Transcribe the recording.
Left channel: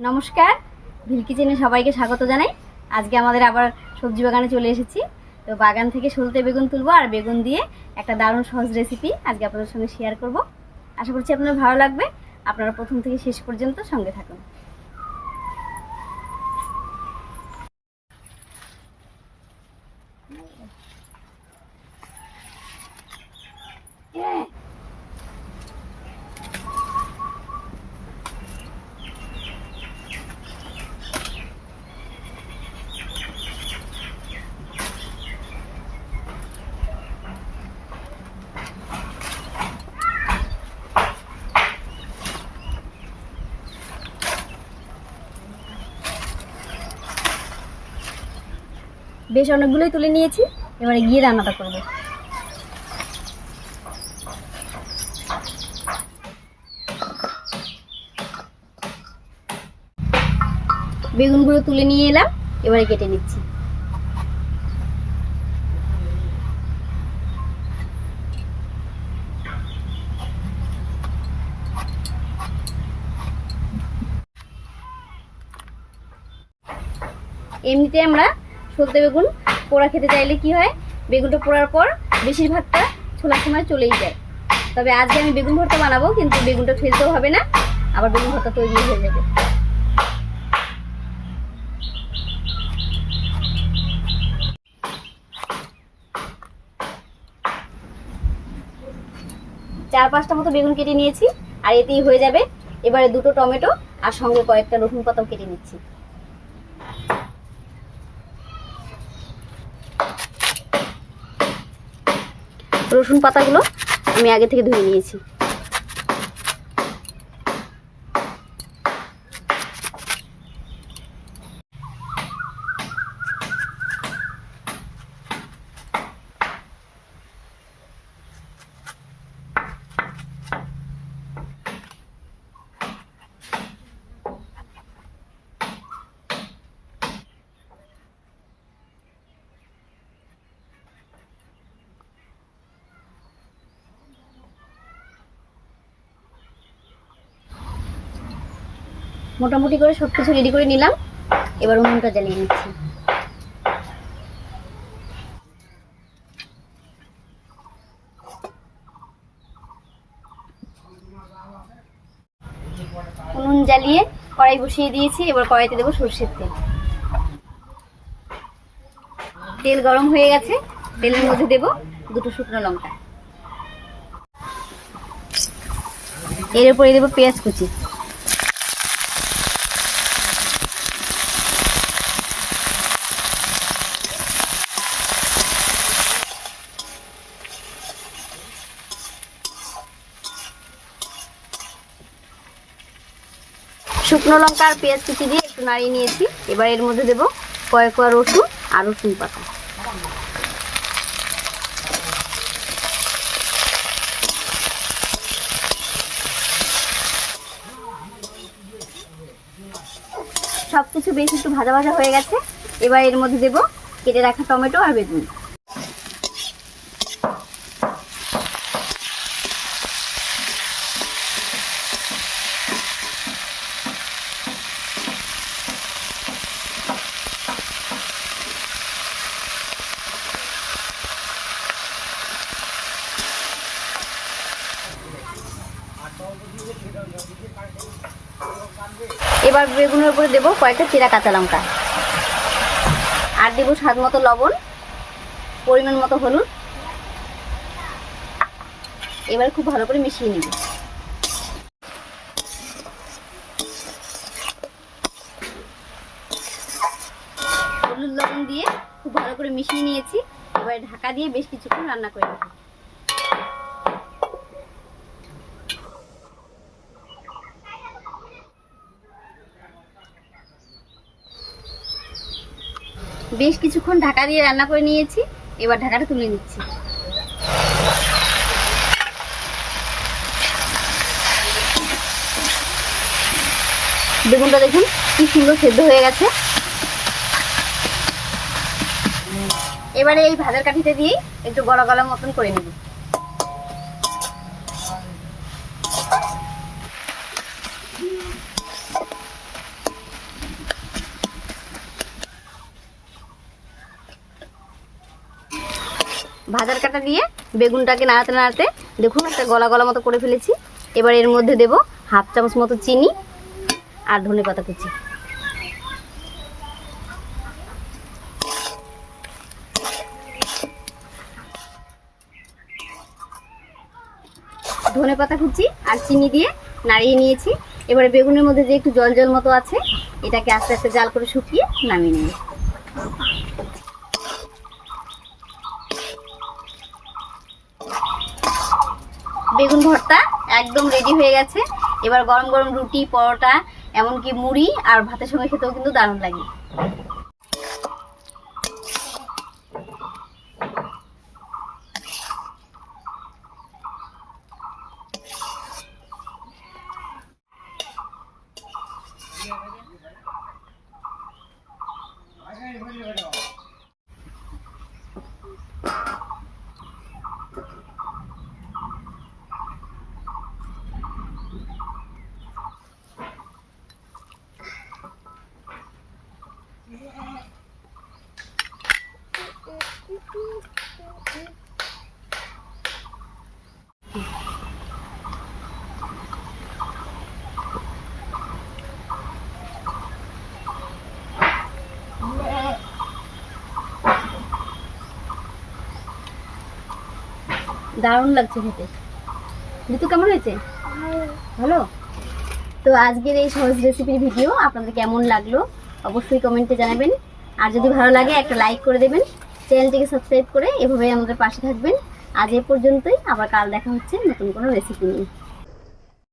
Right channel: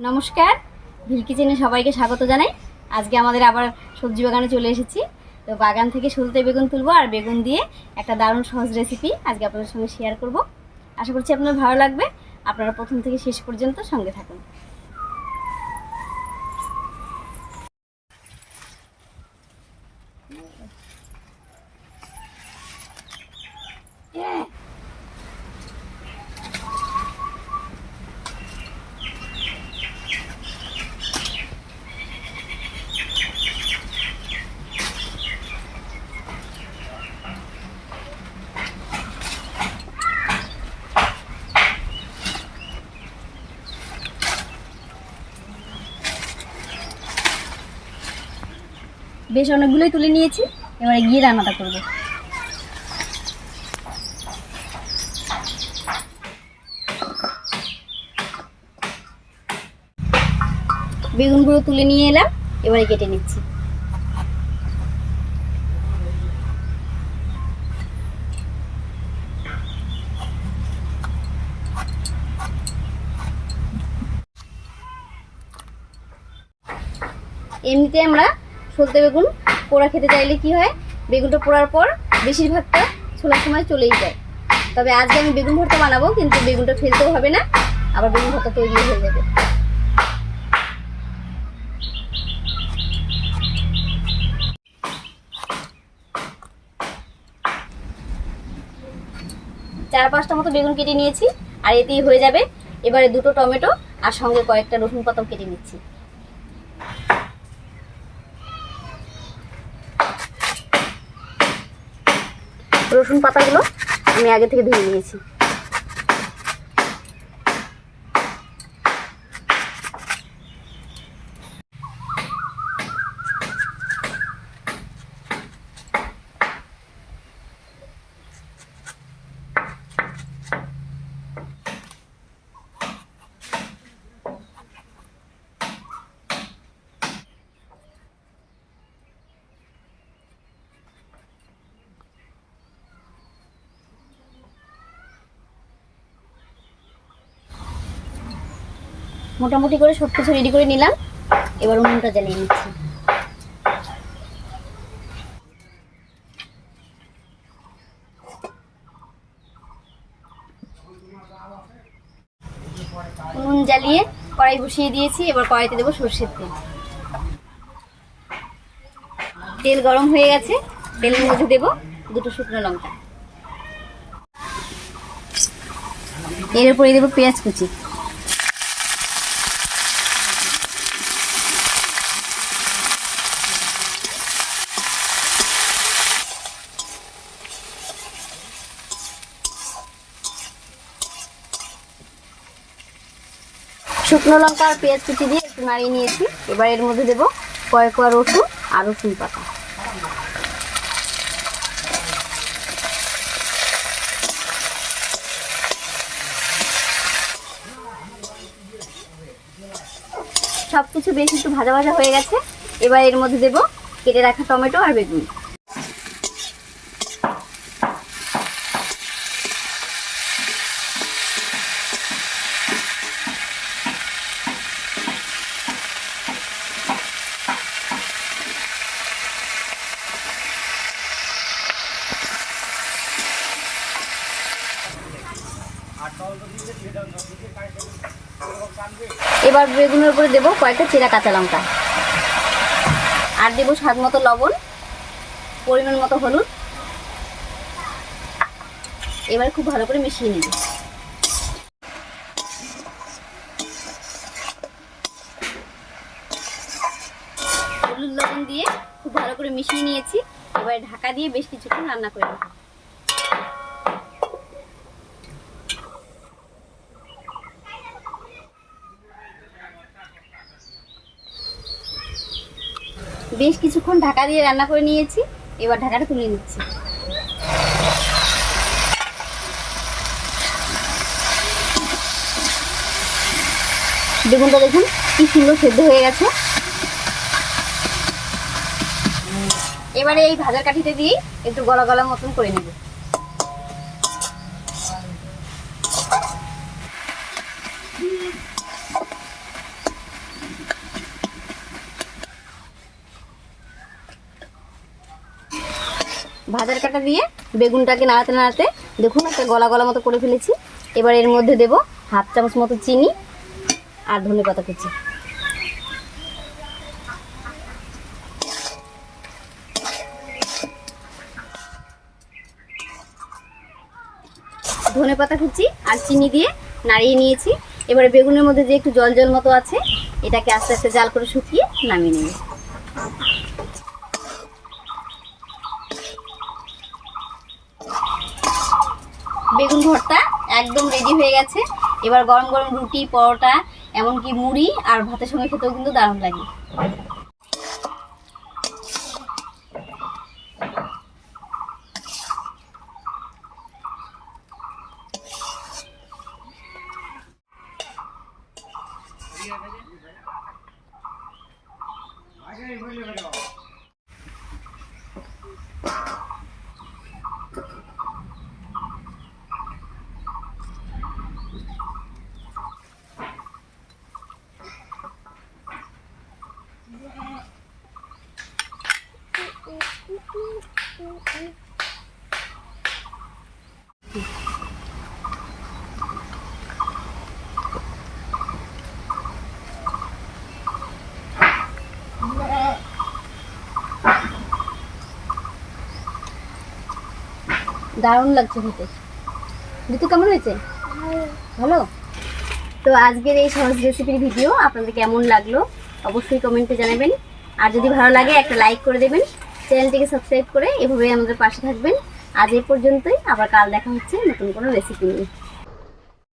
নমস্কার। ভিল কিচেনে সবাইকে স্বাগত জানাই। আজকে আমাদের আবার সবজি বাগানে চলে এসেছি। তো বাগান থেকে সলতে বেগুন তুলবো আর বেগুন দিয়ে একটা দারুণ সহজ রেসিপি আজকে আপনাদের সঙ্গে শেয়ার করব। আশা করছি আপনার ভালো লাগবে। আপনারা প্রথম থেকে শেষ পর্যন্ত সঙ্গে থাকুন। বেশ, অনেকগুলোই তুলে নিয়েছি। এবারে গিয়ে রান্নাটা করব। বেগুনগুলো তুলে নিয়ে এলাম, এবারে কেটে নিচ্ছি। এমনিতে আমরা সলতে বেগুন, পোড়া খেতে চাইলে কি হয়? বেগুনটা পোড়ার পর বেশিরভাগটা ছোলার সময় চলেই যায়। তবে আজকে আমি বেগুন ভর্তা বানাবো, কিন্তু বেগুনটা ফেলতেও হবে না, আবার বেগুন ভর্তা তৈরি হয়ে যাবে। চার পাঁচটা মতো বেগুন কেটে নিয়েছি, আর এতেই হয়ে যাবে। এবারে দুটো টমেটো আর সঙ্গে কয়েকটা রসুন পাতাও কেটে নিচ্ছি। রসুন পাতাগুলো আমি আগে থেকে ধুয়ে নিয়েছি। মোটামুটি করে সব কিছু রেডি করে নিলাম। এবার উনুনটা জ্বালিয়ে নিচ্ছি। উনুন জ্বালিয়ে কড়াই বসিয়ে দিয়েছি। এবার কড়াইতে দেবো সর্ষের তেল। তেল গরম হয়ে গেছে। তেলের মধ্যে দেবো দুটো শুকনো লঙ্কা। এর উপরে দেবো পেঁয়াজ কুচি। শুকনো লঙ্কা আর পেঁয়াজ কুচি দিয়ে একটু নাড়িয়ে নিয়েছি। এবার এর মধ্যে দেবো কয়েক কোয়া রসুন আর রসুন পাতা। সব কিছু বেশ একটু ভাজা ভাজা হয়ে গেছে। এবার এর মধ্যে দেবো কেটে রাখা টমেটো আর বেগুন। এবার বেগুনের উপরে দেবো কয়েকটা চিরা কাঁচা লঙ্কা। আর দেবো স্বাদ মতো লবণ, পরিমাণ মতো হলুদ। এবার খুব ভালো করে মিশিয়ে নিব। হলুদ লবণ দিয়ে খুব ভালো করে মিশিয়ে নিয়েছি। এবার ঢাকা দিয়ে বেশ কিছুক্ষণ রান্না করে নেব। বেশ কিছুক্ষণ ঢাকা দিয়ে রান্না করে নিয়েছি। এবার ঢাকাটা তুলে নিচ্ছি। বেগুনটা দেখুন, কি সুন্দর সেদ্ধ হয়ে গেছে। এবারে এই ভাজার কাঠিতে দিয়ে একটু গলা গলা মতন করে নেব। ভাজার কাটা দিয়ে বেগুনটাকে নাড়াতে নাড়াতে দেখুন একটা গলা গলা মতো করে ফেলেছি। এবার এর মধ্যে দেব হাফ চামচ মতো চিনি আর ধনে পাতা কুচি। ধনে পাতা কুচি আর চিনি দিয়ে নাড়িয়ে নিয়েছি। এবারে বেগুনের মধ্যে যে একটু জল জল মতো আছে, এটাকে আস্তে আস্তে জাল করে শুকিয়ে নামিয়ে নিয়ে বেগুন ভর্তা একদম রেডি হয়ে গেছে। এবার গরম গরম রুটি, পরোটা, এমনকি মুড়ি আর ভাতের সঙ্গে খেতেও কিন্তু দারুণ লাগে। দারুণ লাগছে খেতে। ঋতু কেমন হয়েছে? ভালো? তো আজকের এই সহজ রেসিপির ভিডিও আপনাদের কেমন লাগল? অবশ্যই কমেন্টে জানাবেন। আর যদি ভালো লাগে, একটা লাইক করে দেবেন। চ্যানেলটিকে সাবস্ক্রাইব করে এভাবে আমাদের পাশে থাকবেন। আজ এ পর্যন্তই, আবার কাল দেখা হচ্ছে নতুন কোনো রেসিপি নিয়ে।